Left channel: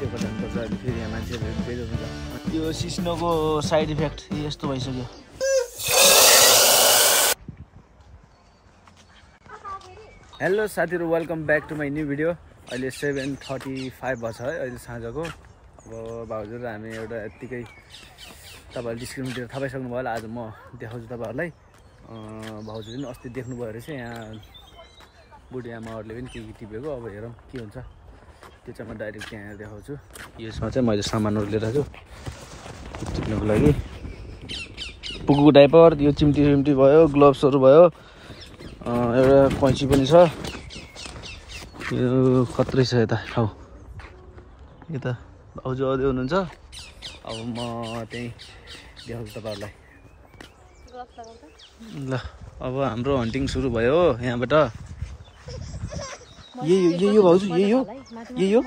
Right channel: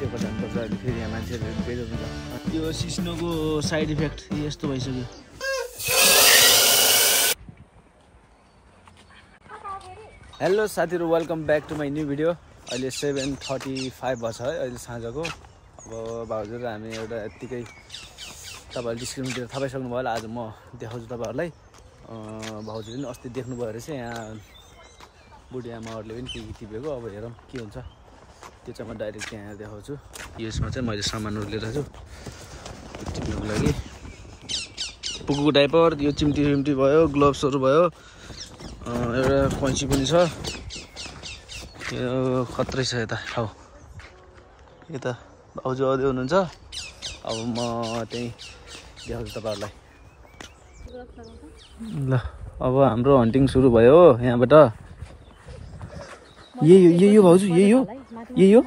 सिधै जानुपर्छ अहिले फेरि यहाँ मान्छेहरू बेरोजगार हुन्छ यो सिस्नोको साइड इफेक्ट यस्तो भइसक्यो हेलो साथीहरु welcome back to my new video अहिले 7:35 भछ है अहिले साँझको अब भाउजू र हामी एउटा यतिकै तपाईहरुले डिस्क्रिप्सनतिर थाहा पाइसक्नु भयो होला आज म देखाउँछु तपाईहरुलाई भाउजूले पनि अस्ति देख्नुभयो रहेछ यहाँ बुढी आमाहरुले पनि के टिपेको अब हेरौँ के हुन्छ त्यो चाहिँ म डाइरेक्ट यहाँ देखाउँछु यसमा चाहिँ मैले सामानहरु लिएर आछु टिप्नको लागि पुगुको डाइपर यो चिम्टी भयो ग्लोभ्सहरु भयो एउटा कैंची पनि छ यो खत्रै छ यता ठाउँ यता भाउजू आउँदै हुनुहुन्छ अब म त्यही देखाउँछु तपाईहरुलाई ल अब हाम्रो हन्टिङ सुरु भयो यहाँबाट यही हो भाउजू यही हो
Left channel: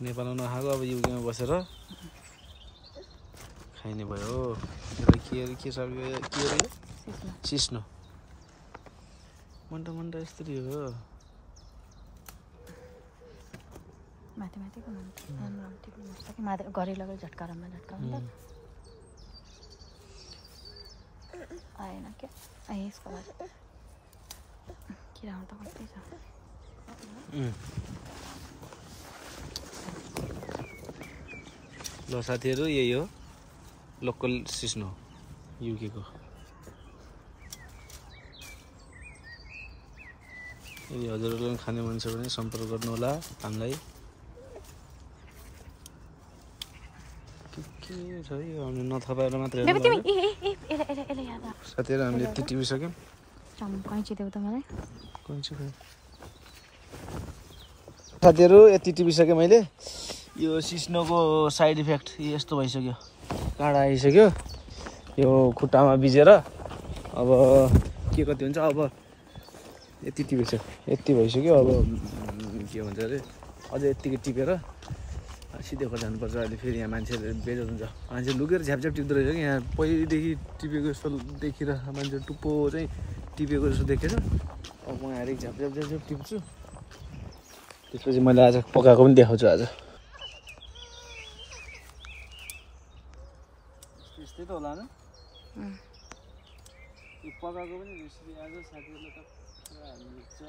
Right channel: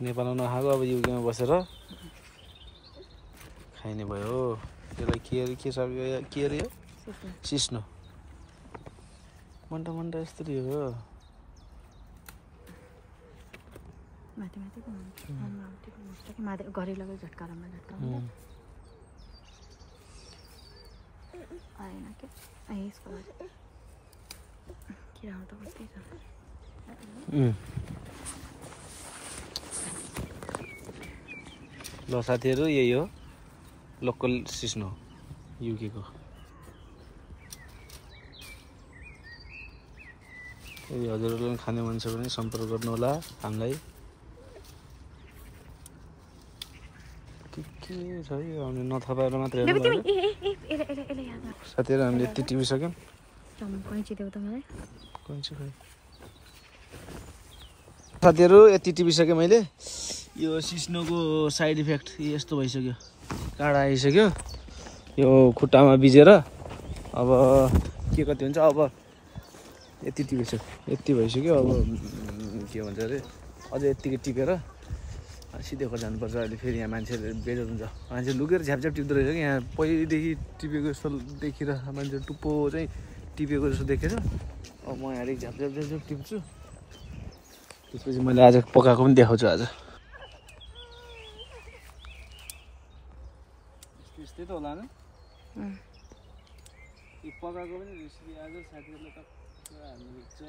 नेपालमा नखाएको अब युकेमा बसेर खाइने भयो यसलाई के छ के अरे यो सिस्नो मन्टा यस्तो हो माथि घरि लगाइ झट्कारमा आएन के यसको लागि किराहरू त कति छ ल साथीहरु यही हो लोकल सिस्नो युके को यदि हजुरहरुले खाने मन छ भने सम्पर्क गर्नु होला हामीलाई के छ यो हामीले नथपाएर मात्र हेर्नु पर्छ साथीहरु हामीले यति टिपिसक्यौं कैंची देऊ त मलाई कैंची खै साथीहरु यति टिपिसके मैले यो सिस्नोको साइड इफेक्ट यस्तो भइसक्यो काँडा आइसक्यो यो खुट्टामा बिजेर अब के कति हुन्छ अब यति टिपेछ यति भइसक्यो अब के भन्छ अरे अझै यतिकै टिपेर सिधै घर जानुपर्छ अहिले फेरि यहाँ मान्छेहरू बेरोजगार हुन्छ मान्छे लुकेर झ्यापझ्याप टिप्दो रहेछ कि यहाँ पहिलेदेखि टिपेको जस्तो देखिर मान्छे टुप्पो चाहिँ टिपेको जस्तो देखेर अब म यहाँ झ्यापझ्याप टिप्छु त्यसपछि मैले आज पकाएको पनि देखाउँछु आज यस्तै त होला यो पकाएको पनि रेसिपी आज साथीहरूले त हाल्नुहुन्छ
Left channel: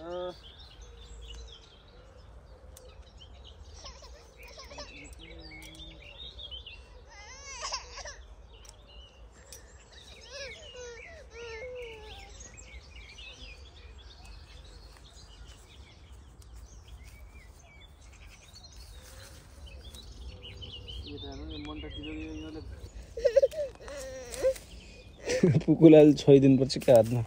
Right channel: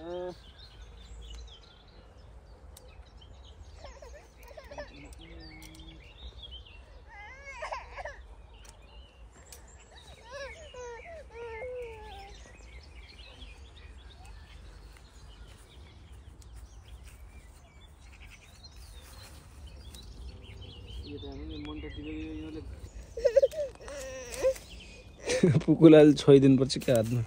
पुकुलाल छोइदिनु पर्छ क्या हातमा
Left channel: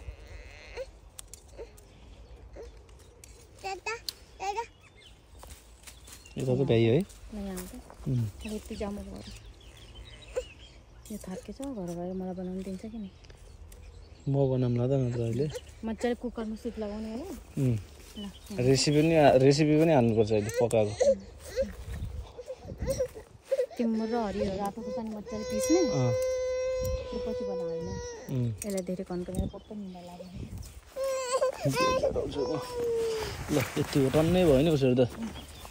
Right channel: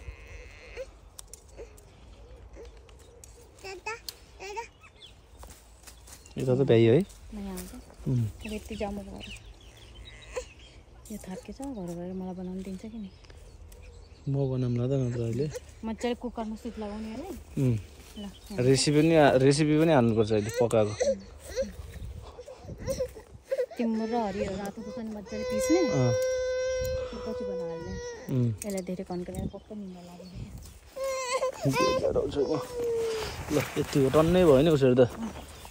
यता त भ्याइ है यति जाम भयो यो थाकेछ घर गएर मलाई बनाउनु दिन्छ कि नि म बनाउँला त नत्र अहिले मजाले कुकरमा सुप लगाउने हैन रेसिपी पनि हाल्नुपर्छ अहिले पकाएको तिम्रो र हरियो रातो खुर्सानी मजाले पिस्ने पछि बनाएर यसलाई धेरै कन्कलेर पक्क निम्बा लाग्ने ल यति हो टन्नै भयो नि उसरी त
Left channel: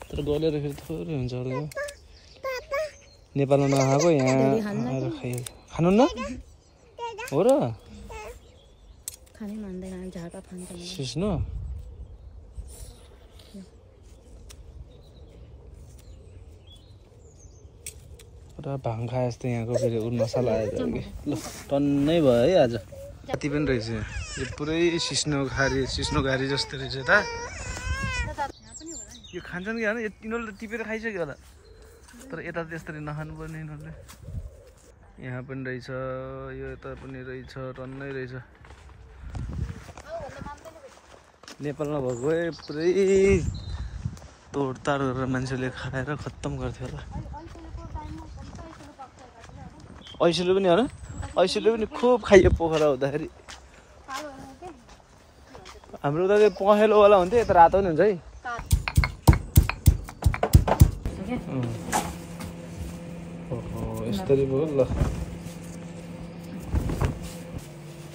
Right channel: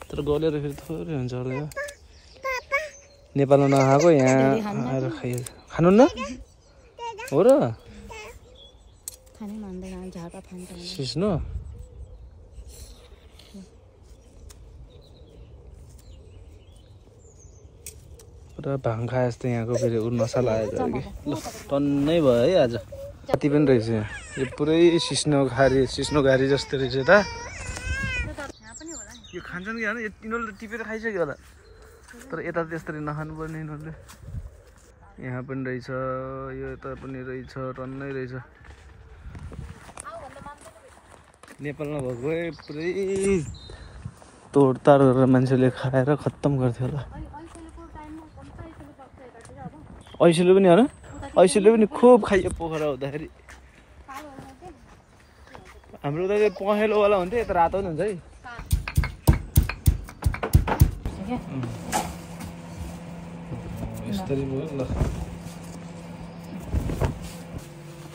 तर गलेर फेरि थोरै हुन्छ होला यो नेपालमा नखाएको यहाँ आएर खाइयो खानुहुन्न हो र खानै मान्दैन झाका खान्छ सिस्नो पुरा भाङ खाए जस्तो यहाँको फेरि मसला आएर ल टन्नै भयो है आज कति पनि रहेछ यो पुरै सिस्नो घारी जस्तो रहेछ त यो खान्छन् कि होइन यिनीहरूले टिपेर खाइसक्यो होला तर यता त्यसरी नखानु पर्ने यिनीहरूले यहाँ पनि रहेछ यो यता पनि रहेछ टन्नै रहेछ नेपालमा भएको पुरै तोडताड गरेर मान्छेले खाएर खत्तम गर्थ्यो होला ऐसिलो पनि होइन ऐसिलो पनि खुब खाइयो पोखरा हुँदाखेरि हाम्रो उता चाहिँ पहेँलोवाला हुन्थ्यो यता रातो पनि हुन्छ है यस्तरी भयो ल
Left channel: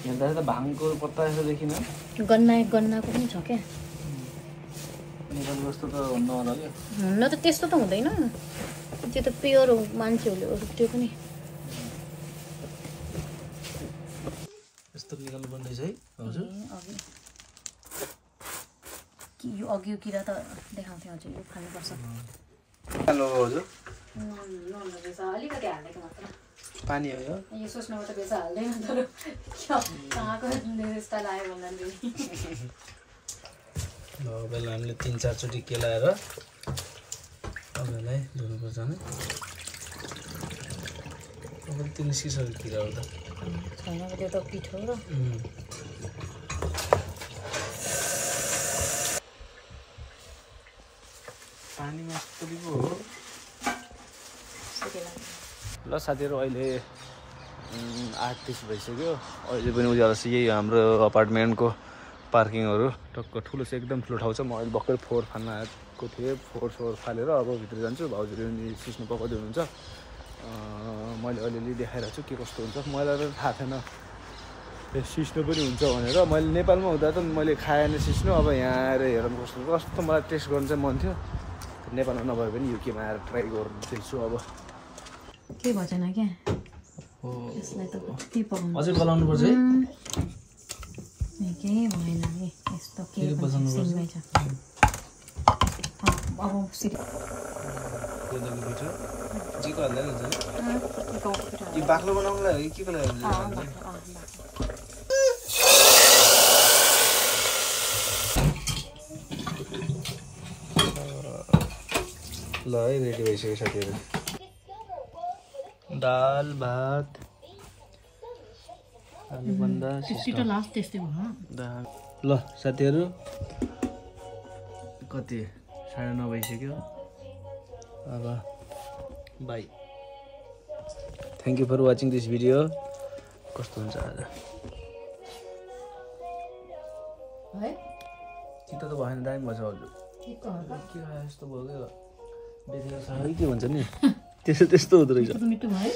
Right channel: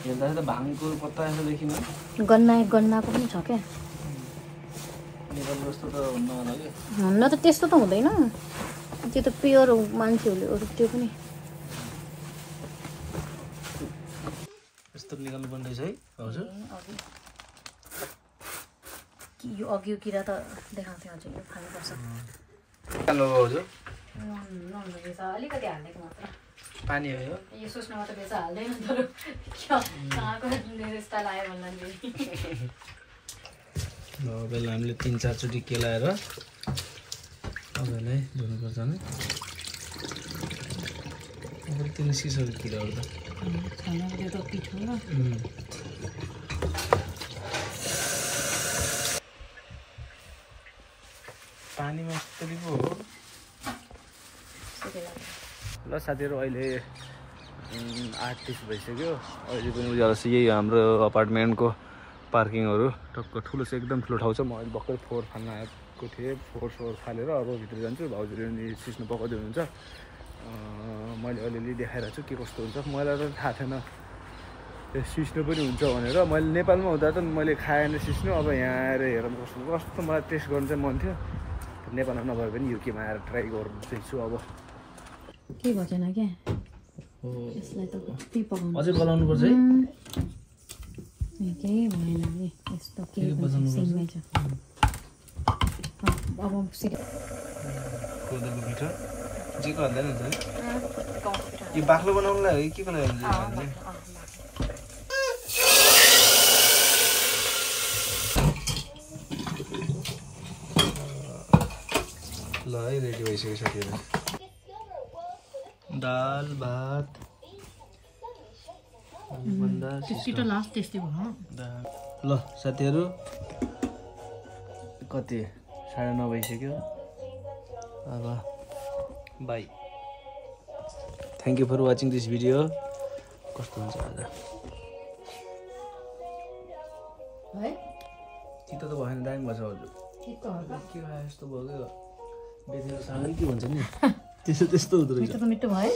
हेर्दा त भाङको पत्ता यसो देखिन गन्नाको पनि छ क्या हुन्न त त्यस्तो त हुँदैन त्यो त प्योर हो मान्छेहरूले अरू त्यो पनि यस्तो निकाल्नु पर्ने है हजुर कि यो अघि किरा त देखाउँथ्यो हजुर यो खानुपर्छ हेलो हजुर अलिकति हालिदिएको मात्र पानी हो यो सोच्नु मात्र बेच हाल्दैन तर कहाँको स्टाइल आयो भन्दाखेरि पहिला हामीले 3-4 चोटि केलाएर अबलाई धुनुपर्छ नि तिन सिसको किरा हो त खानाको त पिठो र पानीमा यस्तोको हो ल साथीहरू अहिले 8:30 भइसक्यो अहिले पनि उज्यालो छ यही हाम्रो अपार्टमेन्टको पार्किङहरू टक्क ठुलो छ एकदम ठुलो ठाउँ छ म अहिले भर्खर फोहोर फाल्न आएको थिएँ फोहोर फालेर अब भित्र जान्छु भाउजूले नि सिस्नु पकाउँदै हुनुहुन्छ मैले अलिअलि देखाइरहेको छु के कस्तो हुन्छ मलाई त थाहा थिएन सिस्नु पनि हुन्छ भनेर मैले नेपालमा हुँदा त मैले खाएन सिस्नु अब यहाँ आएर हेरौँ कस्तो मलाई टेस्ट गर्नु चाहिँ मन थियो नेपालमा नभए पनि युकेमा आएर ट्राई गर्दैछु अब के भएन क्या यसलाई त कति पकाउनु अझै बनाउनु पर्छ है केही भएन नि यस्तो के सिङ्गै छ अब कोदोको पिठो जेको हाल्दैन हुन्छ नि यो बाक्लो बनाउनुलाई हो कि के को लागि ल है रेडी भइसक्यो साथीहरू दाल भात छिटो लास्ट त्यस्तै भयो ल साथीहरू कति 9:30 भइसक्यो अब bye thank you for watching this video कस्तो हुन्छ आज चित्त त भएन दामी भएछ हजुर के खायो यस्तो भयो क्या बेथेको छ के भन्छ नि त्यस्तो हुँदो रहेछ मिठो भयो